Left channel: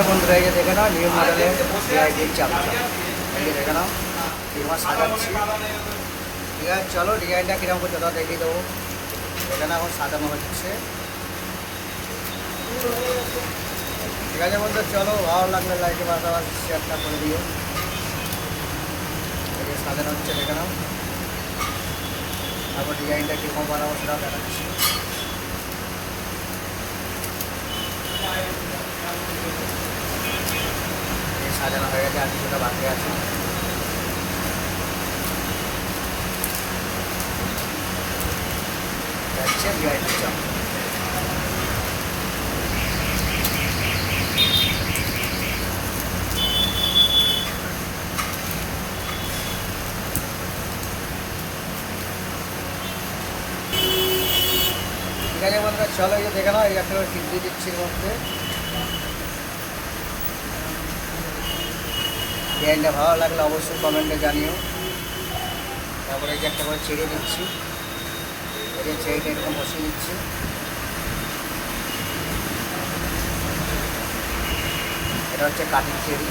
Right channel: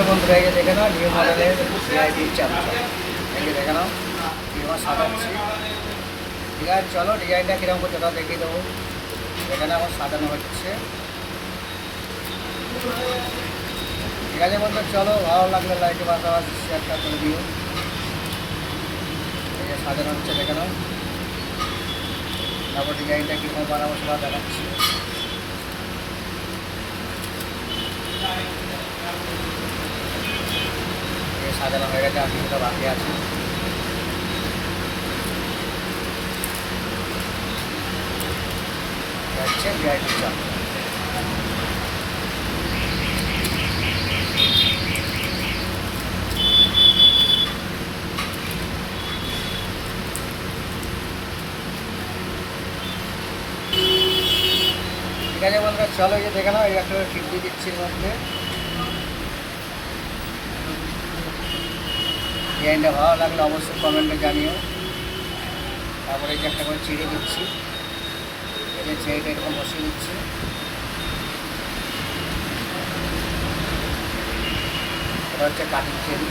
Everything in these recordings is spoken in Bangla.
আছে বন্ধুরা, এই যে দেখে নাও নিউ মডেলের লাইটির চাপটা, এই যে দেখে নাও কীরকম সাজাচ্ছি। ঠিক আছে, চলো ডিজাইনটা কীরকম করছে ওটা দেখিয়ে দেবো। এখানে এখন সাজানো হচ্ছে। ঠিক আছে বন্ধু, চলো ভালো লাগলে লাইটের পাশাপাশি শেয়ারটা করে দিও। এই যে সাজানো হচ্ছে দেখে নাও, তারপর ডিজাইনটা কীরকম বানাবো সেটাও দেখাচ্ছি। সাজানো হয়ে গেছে, আর কিছুটা বাকি আছে। যাচ্ছে ভিআইপি চাপ। ঠিক আছে বন্ধুরা, চলো এই যে দেখে নাও, এই একটা ফিট দিয়ে দিচ্ছি এর মধ্যে। ডিজাইনটা ভালো লাগলে অবশ্যই কমেন্টে জানিও। তারপরে এই যে একটা করে ছেড়ে দিচ্ছি, এই যে ছেড়েটা এরকম বসিয়ে দিচ্ছি। এটা হচ্ছে কাটিং চেরি।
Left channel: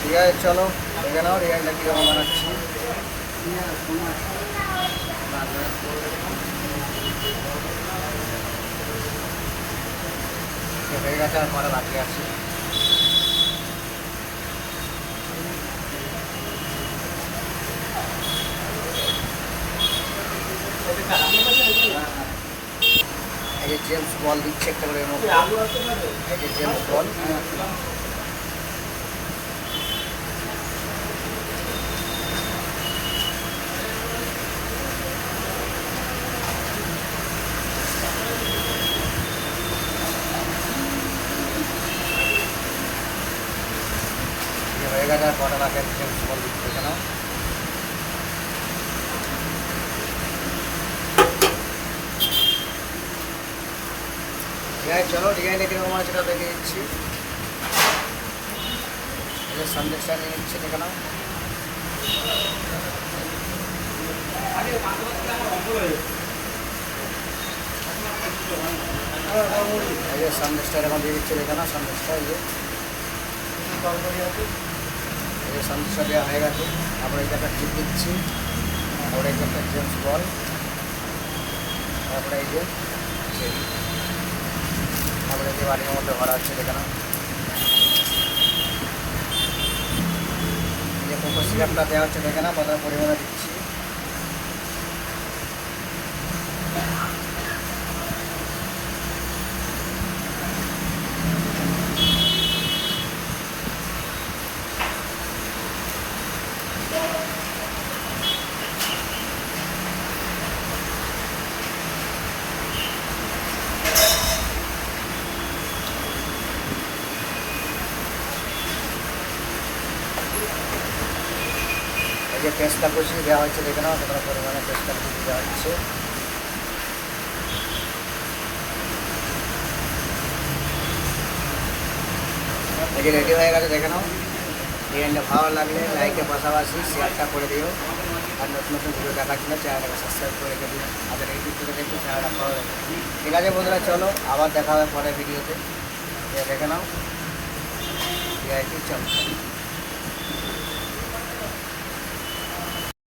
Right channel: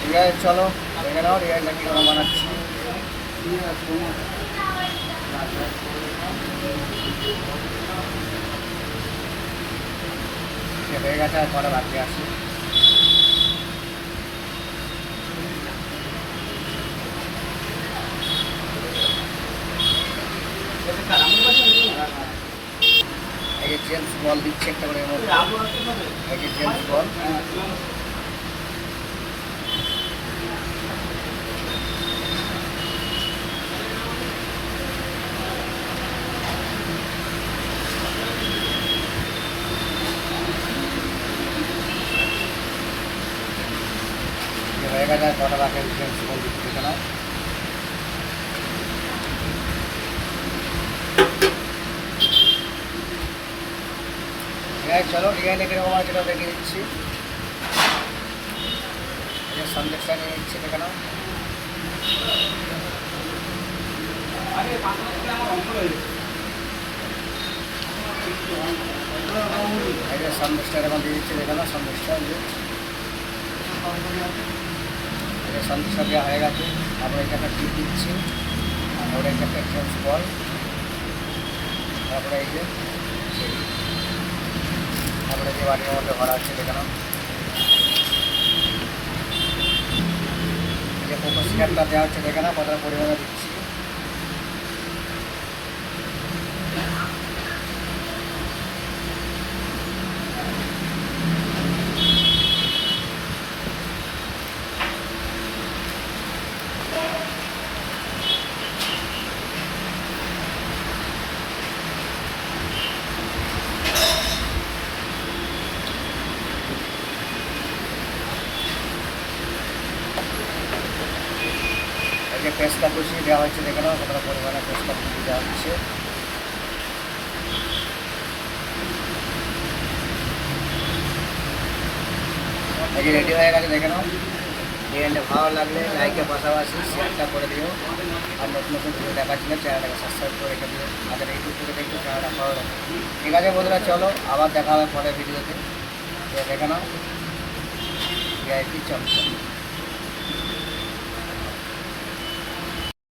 ঠিক আছে, চলো দেখে নাও ডিজাইনটা কীরকম বানাচ্ছি। হয়ে গেছে, আর কটা বাকি আছে। এই যে জেমস বল দিচ্ছে একটা করে এর মধ্যে, এই যে জেমস বল। হয়ে গেছে, আর কটা বাকি আছে জেমস বল দিচ্ছে দেখে নাও। চলো ডিজাইনটা কীরকম আছে সেটা দেখে দিচ্ছি। এটা সন্দেশটা নিয়ে নিচ্ছে দেখে নাও। এই যে সন্দেশটা এরকম দিয়ে দিচ্ছে দেখে নাও। সন্দেশটা এই যে সন্দেশটা দেওয়া হয়ে গেছে। আমরা এই একটা ক্লিপ দিচ্ছি, তারপরে এই যে একটা জেমস বল, তারপরে এই যে তারপরে যে বাড়ির মধ্যে ভরা হচ্ছে দেখে নাও। যে কোকো সিরাপটা দেওয়া হচ্ছে দেখে নাও, কতটা পরিমাণে দিচ্ছি। এই যে পেস্তা কুচি দেওয়া হচ্ছে দেখে নাও, কতটা পরিমাণে পেস্তা কুচি দেওয়া হচ্ছে। এই যে রেডি হয়ে গেছে দেখে নাও। ডিজাইনটা ভালো লাগলে লাইকের পাশাপাশি শেয়ারটা করে দিও। আর নতুন নতুন ভিডিও দেখার জন্য চ্যানেলটাকে সাবস্ক্রাইব করে রেখে দিও। আমাদের ইউটিউব থেকে দেখতে চ্যানেলটা ফলো রাখো। ঠিক আছে বন্ধুরা, চলো আবার দেখা হবে পরের ভিডিওতে। দেখে নাও ভিআইপি চমৎকার।